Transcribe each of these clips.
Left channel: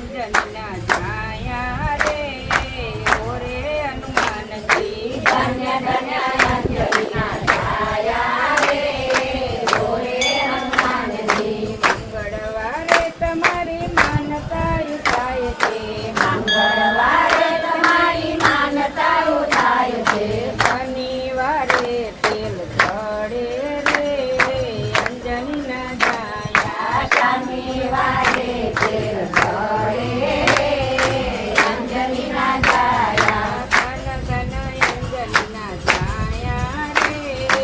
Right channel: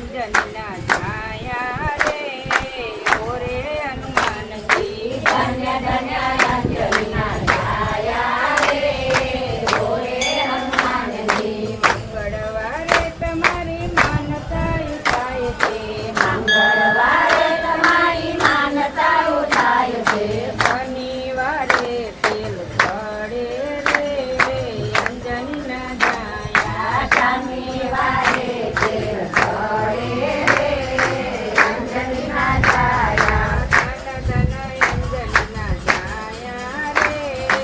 અંજનના જાયા રે ઓરે હનુમાનજી ધન્ય ધન્ય અંજનના જાયા રે ઓરે હનુમાનજી મંગળવારે તમારી માનતા ઉઠાય છે મંગળવારે તમારી માનતા ઉઠાય છે શનિવારે તેલ ચડે રે અંજનના જાયા શનિવારે તેલ ચડે રે અંજનના જાયા ધન ધન અંજનના જાયા રે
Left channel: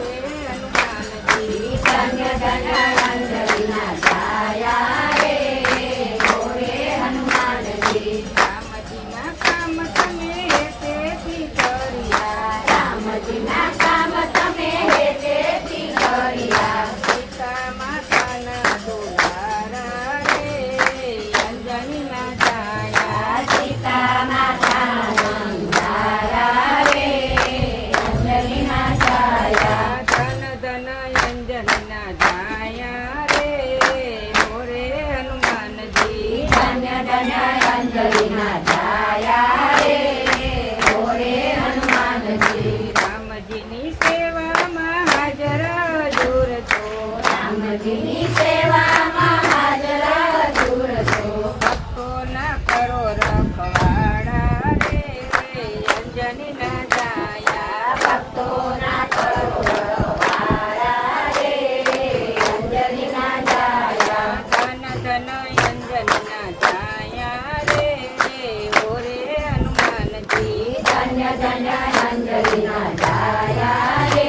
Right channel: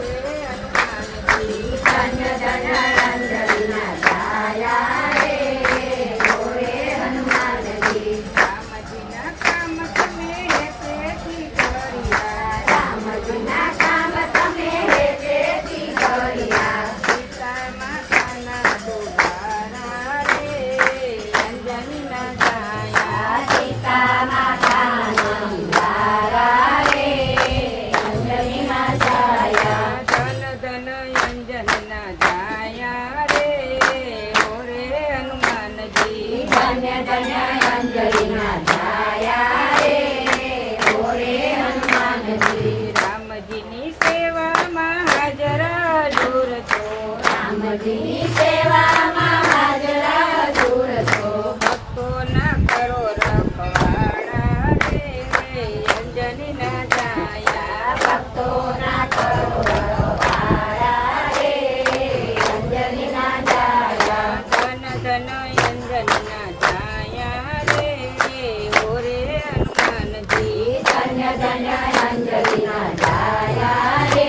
ઓરે હનુમાનજી ધન્ય ધન્ય અંજનના જાયા રે ઓરે હનુમાનજી રામજીના કામ તમે હેતેથી કર્યા રામજીના કામ તમે હેતેથી કર્યા સીતા માતાના દુલારા રે અંજનના જાયા સીતા માતાના દુલારા રે અંજનના જાયા ધન ધન અંજનના જાયા રે ઓરે હનુમાનજી ધન્ય ધન્ય અંજનના જાયા રે ઓરે હનુમાનજી રામજીની સેવામાં હાજર હજુર છો રામજીની સેવામાં હાજર હજુર છો ભક્તોના કરો રખવાડા રે અંજનના જાયા ભક્તોના કરો રખવાડા રે અંજનના જાયા ધન ધન અંજનના જાયા રે ઓરે હનુમાનજી ધન્ય ધન્ય અંજનના જાયા રે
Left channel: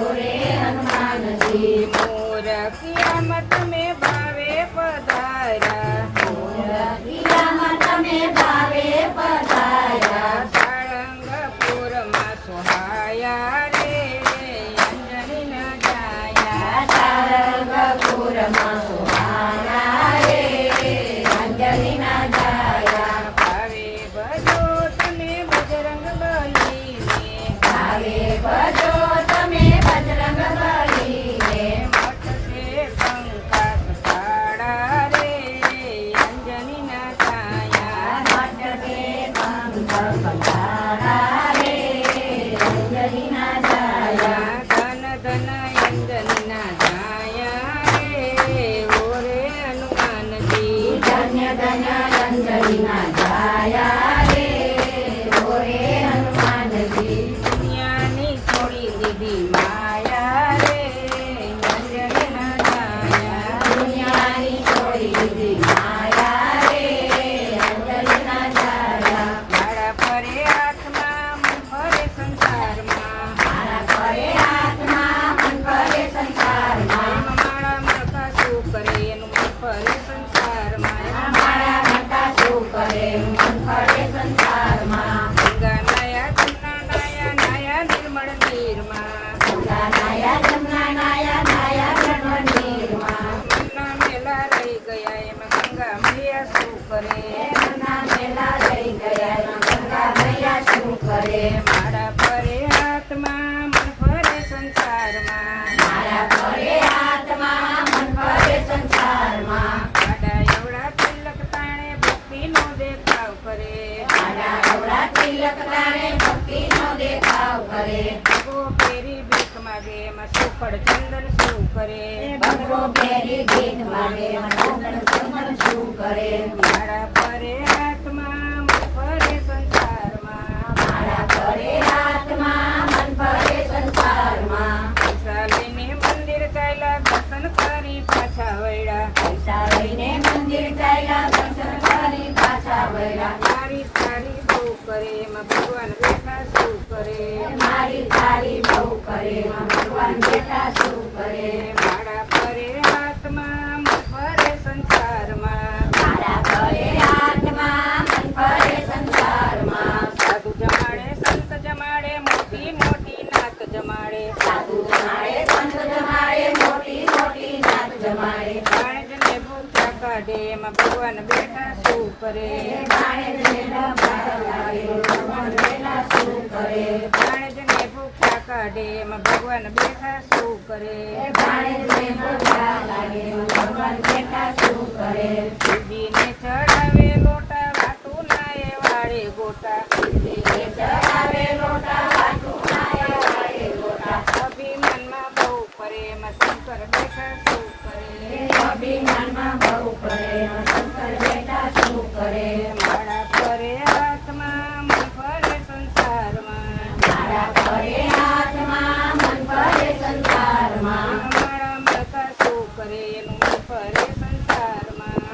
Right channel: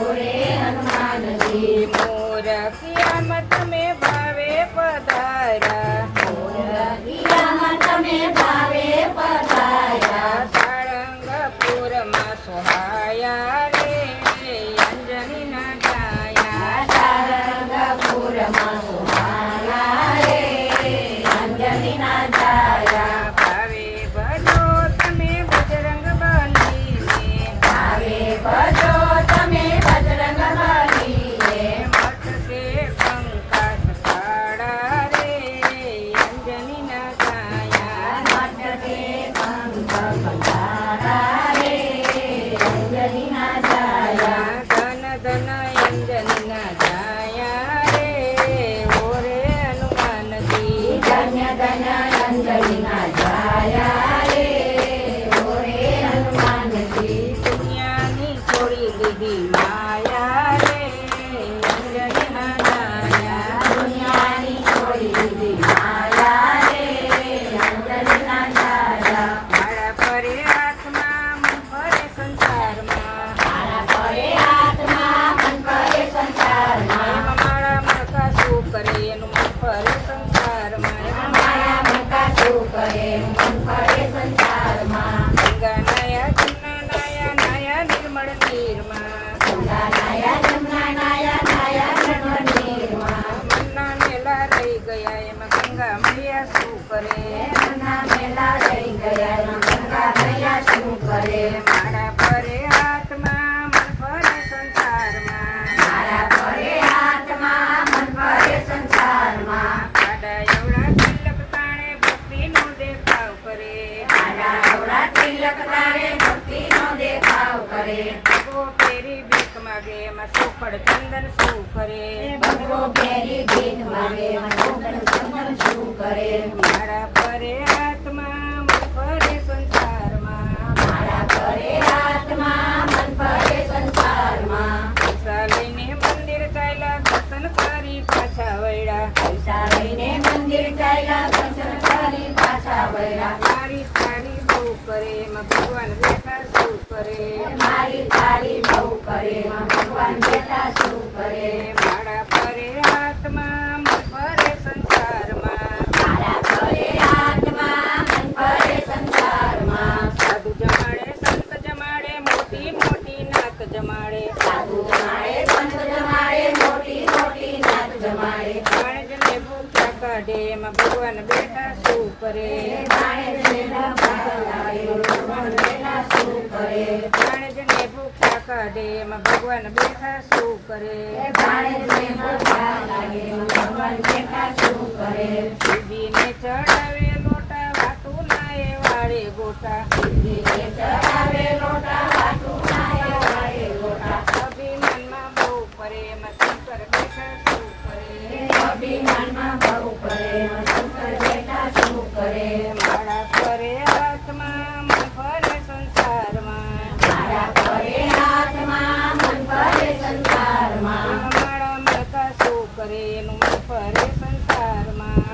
ઓરે હનુમાનજી મોર કિયામત તમે ભાવે પધાર્યા મોર કિયામત તમે ભાવે પધાર્યા સારંગપુરમાં સોહાયા રે અંજનના જાયા સારંગપુરમાં સોહાયા રે અંજનના જાયા ભાવે ભજો તમે બજરંગ બલીને ભાવે ભજો તમે બજરંગ બલીને મટશે કંકાસ કાળા રે અંજનના જાયા મટશે કંકાસ કાળા રે અંજનના જાયા ધન ધન અંજનના જાયા રે ઓરે હનુમાનજી ધન્ય ધન્ય અંજનના જાયા રે ઓરે હનુમાનજી દુનિયાની છોડી દીધી માયા રે અંજનના જાયા દુનિયાની છોડી દીધી માયા રે અંજનના જાયા મારા ફરે હાથમાં મન ફરે સંસારમાં મારા ફરે હાથમાં મન ફરે સંસારમાં મારા માતા શું કરે એનું મન ફરે સંસારમાં મારા માતા શું કરે એનું મન ફરે સંસારમાં ગંગા નાયા જમના નાયા નાયા નિર્મળ નીરમાં ગંગા નાયા જમના નાયા નાયા નિર્મળ નીરમાં મનના મેલા રહી ગયા એમાં ગંગા મૈયા શું કરે મનના મેલા રહી ગયા એમાં ગંગા મૈયા શું કરે મારા ફરે હાથમાં મન ફરે સંસારમાં મારા ફરે હાથમાં મન ફરે સંસારમાં આડા એવડા તિલક તાણે ભક્તિનો દેખાવ કરે આડા એવડા તિલક તાણે ભક્તિનો દેખાવ કરે ભગવો પેરી ભીખ માગે એમાં સોખડ ચંદન શું કરે ભગવો પેરી ભીખ માગે એમાં સોખડ ચંદન શું કરે મારા ફરે હાથમાં મન ફરે સંસારમાં મારા ફરે હાથમાં મન ફરે સંસારમાં પૈસા લઈને મંદિર ચાલ્યા દર્શન કરી પાછા વળ્યા પૈસા લઈને મંદિર ચાલ્યા દર્શન કરી પાછા વળ્યા મારી તારી બહુ કરે એમાં ભગવાન બેઠા શું કરે મારી તારી બહુ કરે એમાં ભગવાન બેઠા શું કરે મારા ફરે હાથમાં મન ફરે સંસારમાં મારા ફરે હાથમાં મન ફરે સંસારમાં સાધુ જમાડે સંત જમાડે મોટી મોટી નાત જમાડે સાધુ જમાડે સંત જમાડે મોટી મોટી નાત જમાડે કાળજને ભૂખ્યા કાઢે એમાં ભગવાન ભગવાન બેઠા શું કરે? ભાણેજને ભૂખ્યા કાઢે એમાં ભગવાન બેઠા શું કરે? શિવજીને ચડાવે લોટા હાટું નાય વાળે ગોટા. અભિમાનમાં બહુ કરે એમાં શંકર બેઠા શું કરે? માળા ફરે હાથમાં મન ફરે સંસારમાં. માળા મળતા શું કરે એનું મન ફરે સંસારમાં.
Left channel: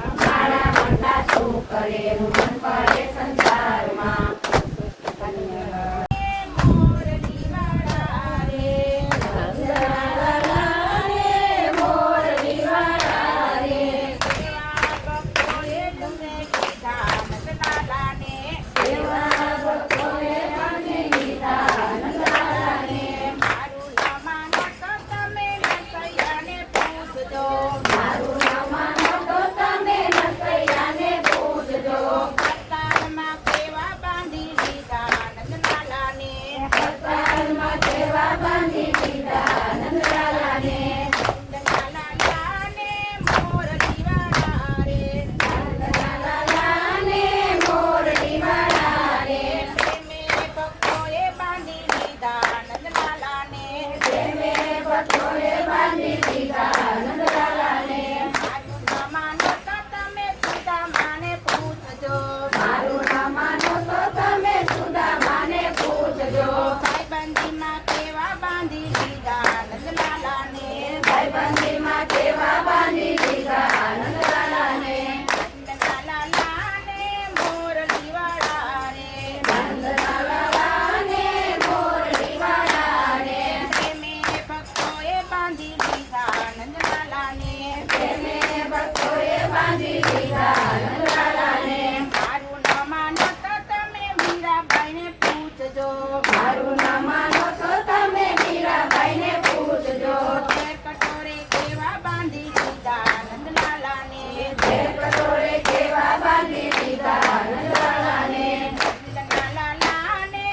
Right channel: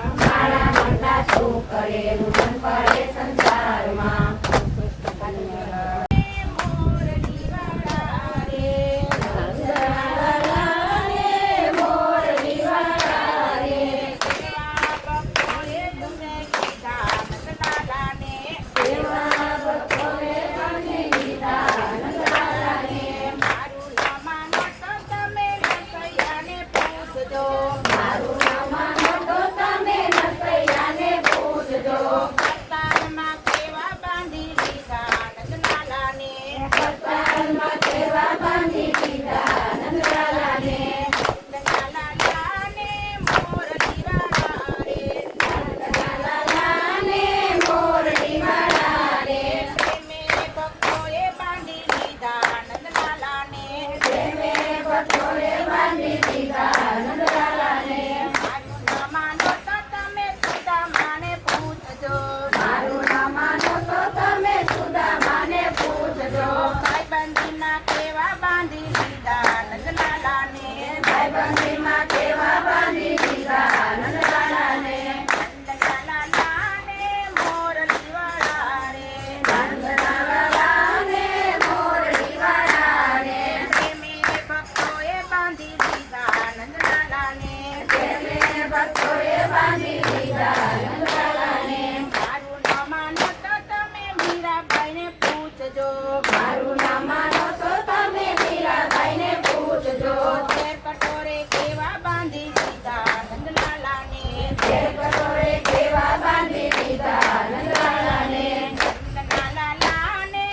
મારું નામ માનો તો તમે મીરાબાઈને પૂછજો. કટોરે કેવા બાંધી દીધા નંદલાલાને. નંદલાલાને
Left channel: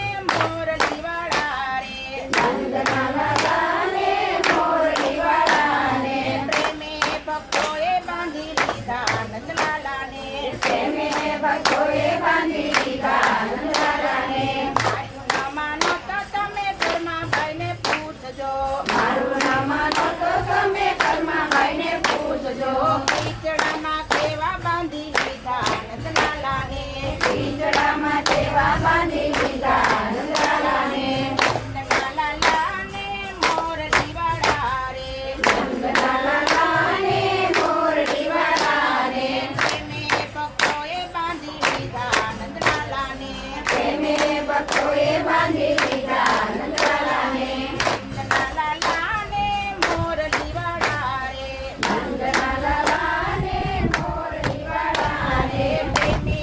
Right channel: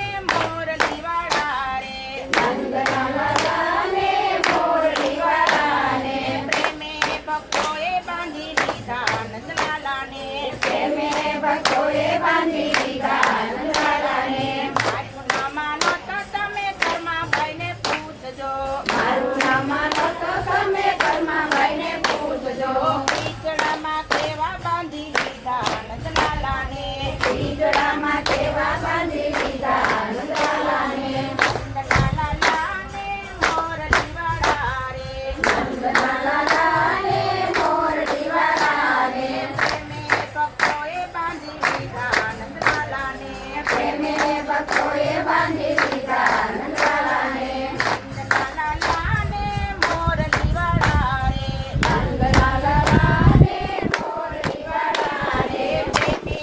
મોરલી વાળા રે. પ્રેમે ભક્તોએ બાંધી લીધા નંદલાલાને. મારું નામ માનો તો તમે ધર્માબાઈને પૂછજો. ખીચડામાં કેવા બાંધી લીધા નંદલાલાને. નંદલાલાને મોરલી વાળા રે. પ્રેમે ભક્તોએ બાંધી લીધા નંદલાલાને. નંદલાલાને મોરલી વાળા રે. પ્રેમે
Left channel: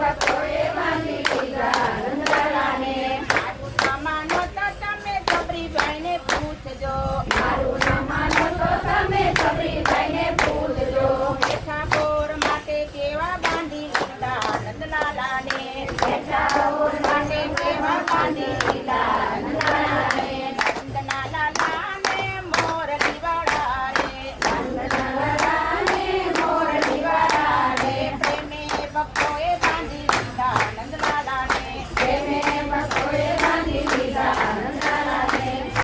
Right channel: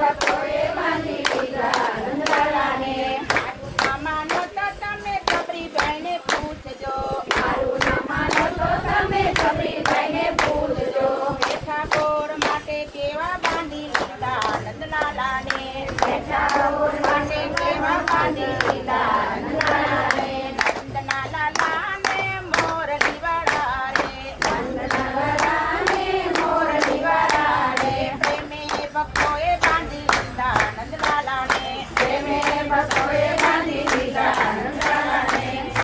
ભક્તોએ બાંધી લીધા નંદલાલાને. મારું નામ માનો તો તમે ગબરીબાઈને પૂછજો. ઠાકોર માટે કેવા બાંધી લીધા નંદલાલાને.